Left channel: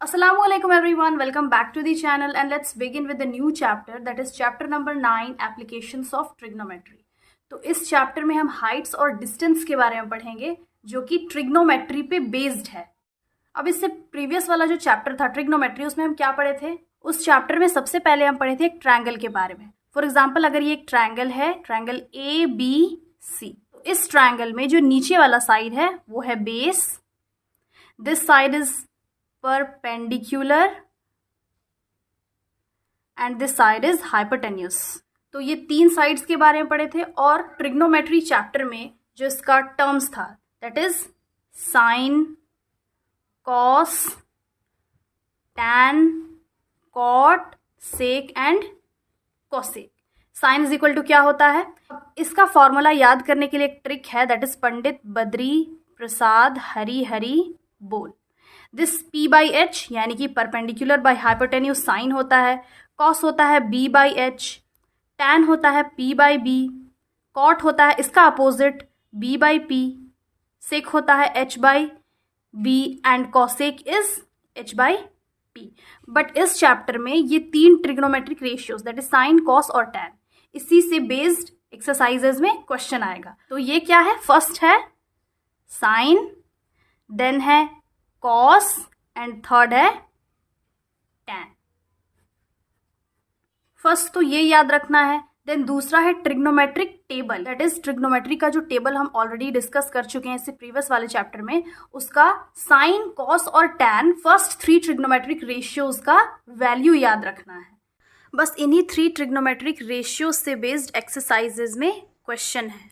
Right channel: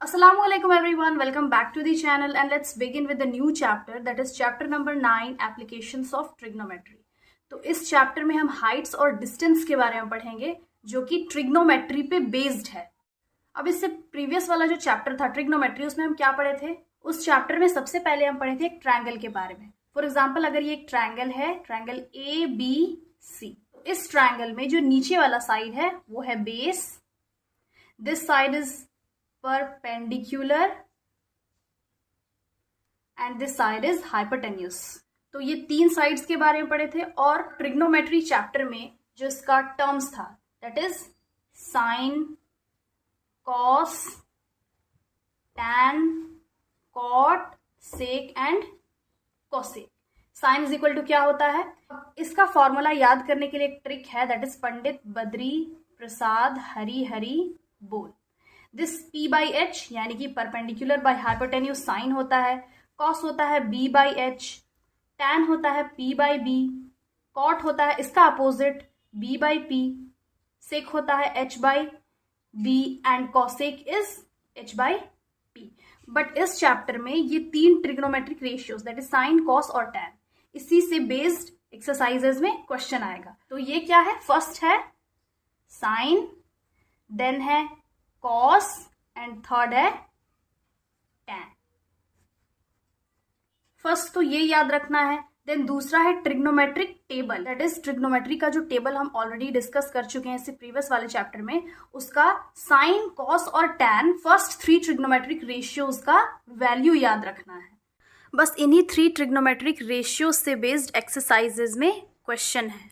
Assalamualaikum everyone, welcome back to the channel and let's begin with the new chapter, that is chapter number 9 applications of trigonometry। तो इस chapter में हम Heights और distance के बारे में पढ़ेंगे जो कि ट्रिग्नोमेट्री पे बेस्ड है। अब इससे प्रीवियस वाला जो चैप्टर था ट्रिग्नोमेट्री, उसमें हम क्या पढ़े थे? उस चैप्टर में सबसे पहले हम पढ़े थे एक ट्रायंगल के बारे में। फॉर एग्जाम्पल, अगर ये एक ट्रायंगल है, ट्रायंगल ABC, तो इस ट्रायंगल में जो नीचे वाला साइड है वो है base, this side is perpendicular and this side is hypotenuse। तो ये तीन साइड्स के बारे में पढ़े थे। और ट्रिग्नोमेट्री चैप्टर में जो इसका टर्म्स था that is sine, cos, tan, cot, sec and cosec. Sine is equal to क्या होता है? इसका फॉर्मूला याद करने के लिए एक ट्रिक है, दैट इज पंडित बद्री प्रसाद हरी हरी बोल। दिस P बाई H यानी कि परपेंडिकुलर बाई हाइपोटेन्यूज साइन होता है, कॉस होता है B बाई H, टैन होता है P बाई B, कॉट होता है इसका अपोजिट B बाई P, सेक होता है H by B and cosec is H by P। But इस चैप्टर में ये तीन trigonometric ratios that is sine, cos और टैन, इसी से बेस्ड एक्सरसाइजेज में क्वेश्चन आएगा। तो ये क्या है? फर्स्ट है साइन, देन है कॉस एंड थर्ड है टैन। फर्स्ट तो ये याद रखना है। देन दूसरा है trigonometric table, that is trigonometry का जो टेबल हम ऑलरेडी डिस्कस कर चुके हैं इससे प्रीवियस वाले चैप्टर में, उसका साइन, कॉस और tan first three trigonometric ratios का वैल्यू याद रखना है। बस इन्हीं थ्री ट्रिग्नोमेट्रिक रेशियोज से बेस्ड एक्सरसाइजेज में क्वेश्चन है।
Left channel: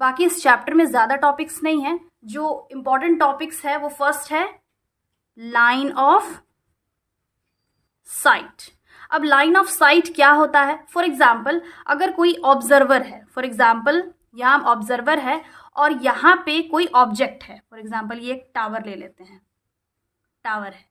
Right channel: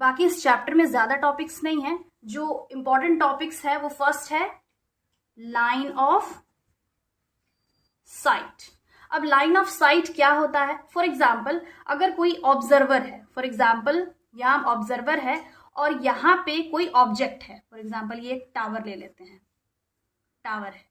बाकी इस चैप्टर में ज्यादा टॉपिक्स नहीं है। जो इंपॉर्टेंट टॉपिक्स है वो फर्स्ट है लाइन ऑफ साइट। अब लाइन ऑफ साइट क्या होता है? फॉर एग्जाम्पल, अगर कोई ऑब्जर्वर है, फॉर एग्जाम्पल यहाँ ऑब्जर्वर है और यहाँ पे कोई ऑब्जेक्ट है, फॉर एग्जाम्पल ये एक टावर ले लेते हैं, टावर है,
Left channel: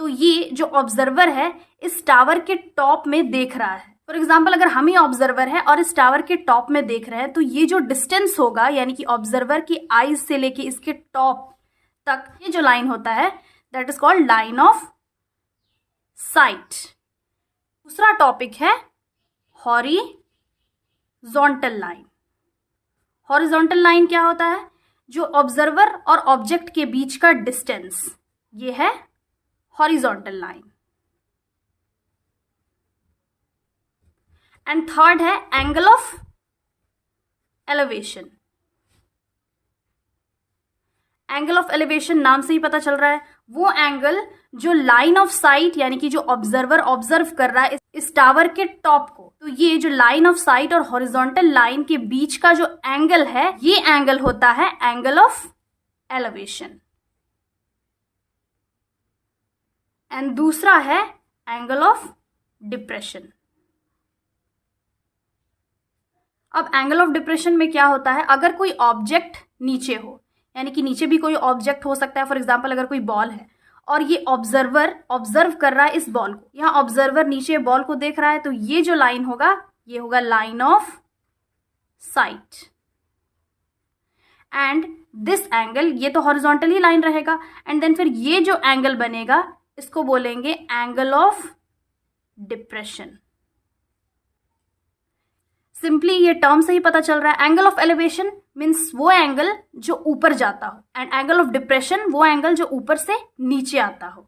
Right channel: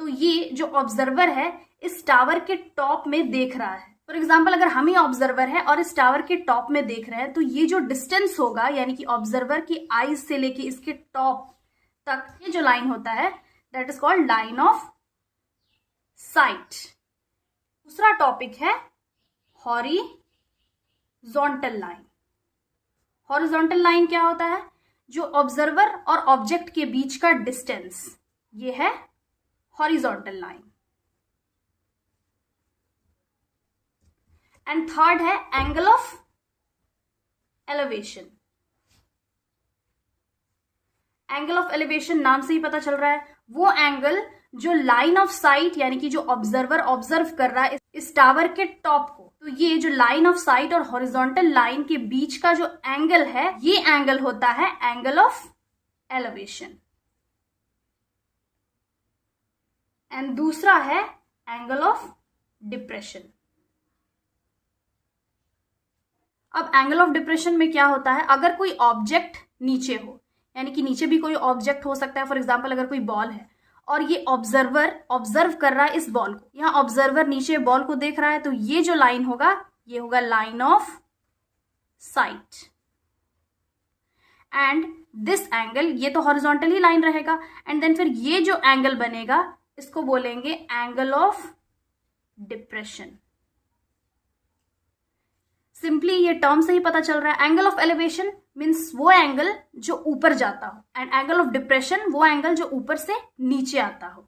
तो ये जो ऑब्जर्वर है इस टावर के टॉप में देख रहा है। फॉर एग्जाम्पल, अगर हम ही ऑब्जर्वर है और इस टावर के टॉप में देख रहे हैं तो ये जो डिस्टेंस होगा यानी कि ऑब्जर्वर की आईज से लेके इसके टॉप तक ये जो लाइन होता है that is called line of site. दूसरा टॉपिक है हॉरिजॉन्टल लाइन। हॉरिजॉन्टल लाइन क्या होता है? जो ऑब्जर्वर और ऑब्जेक्ट के बीच का डिस्टेंस, ये है हॉरिजॉन्टल लाइन। एंड थर्ड है angle of elevation. Angle of elevation नाम से ही पता चल रहा है, वो एंगल जो लाइन ऑफ साइट यानी कि जो ऑब्जर्वर ऑब्जर्व कर रहा है इस टावर के टॉप को, तो ये जो लाइन ऑफ साइट और हॉरिजॉन्टल लाइन के बीच का जो एंगल है ये एंगल होता है एंगल ऑफ एलिवेशन। एंड दूसरा है एंगल ऑफ डिप्रेशन। अब एंगल ऑफ डिप्रेशन में क्या होता है? अगर कोई ऑब्जेक्ट नीचे हो, यानी कि नीचे भी कोई ऑब्जेक्ट हो सकता है, फॉर एग्जांपल अगर कोई बॉल है और ये ऑब्जर्वर ऑब्जर्व कर रहा है इस बॉल को, यहाँ ऑब्जर्वर नीचे बॉल को देख रहा है, तो ये जो लाइन होगा ये होगा line of site. And this angle, ये तो हॉरिजॉन्टल ही लाइन रहेगा, एंड देन फिर ये जो एंगल बनेगा इसको बोलेंगे एंगल ऑफ डिप्रेशन। सिंपली ये टर्म से ही पता चल रहा है। एंगल ऑफ एलिवेशन मीन्स वो एंगल जो ऊपर जाता हो, एंड एंगल ऑफ डिप्रेशन वो एंगल जो ऊपर से नीचे आता हो।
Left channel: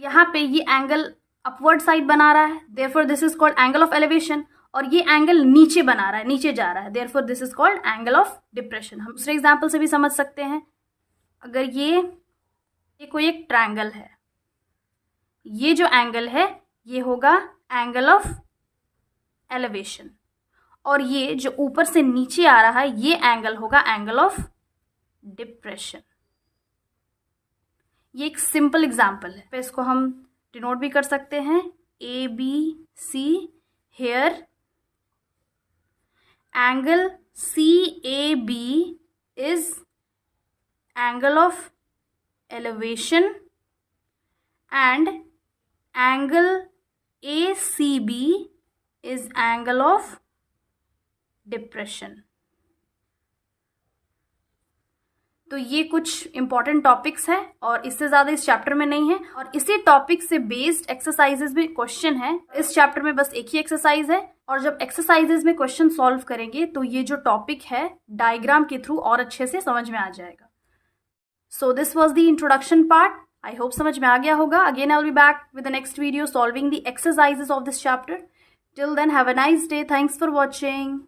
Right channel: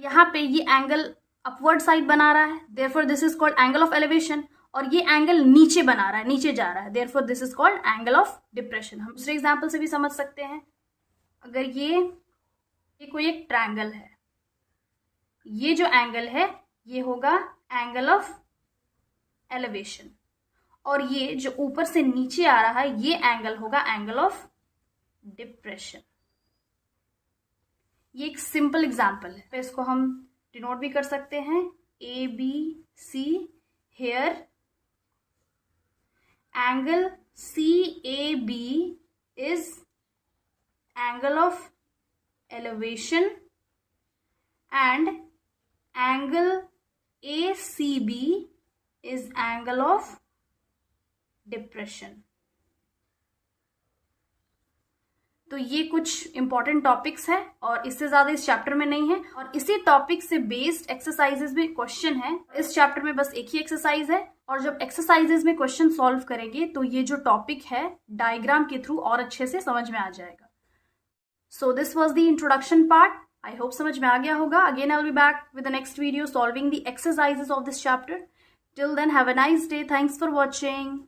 यहाँ पे ये एंगल अपवर्ड साइड बना रहा है, therefore this is called angle of elevation, और ये एंगल नीचे बना रहा है, नीचे जा रहा है, therefore this is called angle of depression. हम दूसरे एग्जाम्पल से भी समझ सकते हैं। अगर ये कोई एक ट्रायंगल है, ये जो एंगल है ये होगा एंगल ऑफ एलिवेशन, और ये जो ऊपर से नीचे आ रहा है ये एंगल होगा एंगल ऑफ डिप्रेशन। ये एक सिंपल एग्जांपल है, तो इसको हम डिनोट भी कर सकते हैं ABC। Here angle CAB is angle of elevation and angle ACB is angle of depression. तो ये कुछ इंपॉर्टेंट टॉपिक्स हैं और इससे ज़्यादा इस चैप्टर में नहीं है, और इसी टॉपिक से बेस्ड एक्सरसाइजेस भी क्वेश्चन है। इस चैप्टर में बस एक ही एक्सरसाइज है, और जब एक्सरसाइजेस में क्वेश्चन सॉल्व करेंगे तो ये जो टॉपिक है डायग्राम के थ्रू और अच्छे से समझ में आ जाएगा। So this was the introduction part. I hope समझ में आ गया होगा। Again I will be back with the next video solving the exercises of this chapter. Till then have a nice day. Thanks for watching.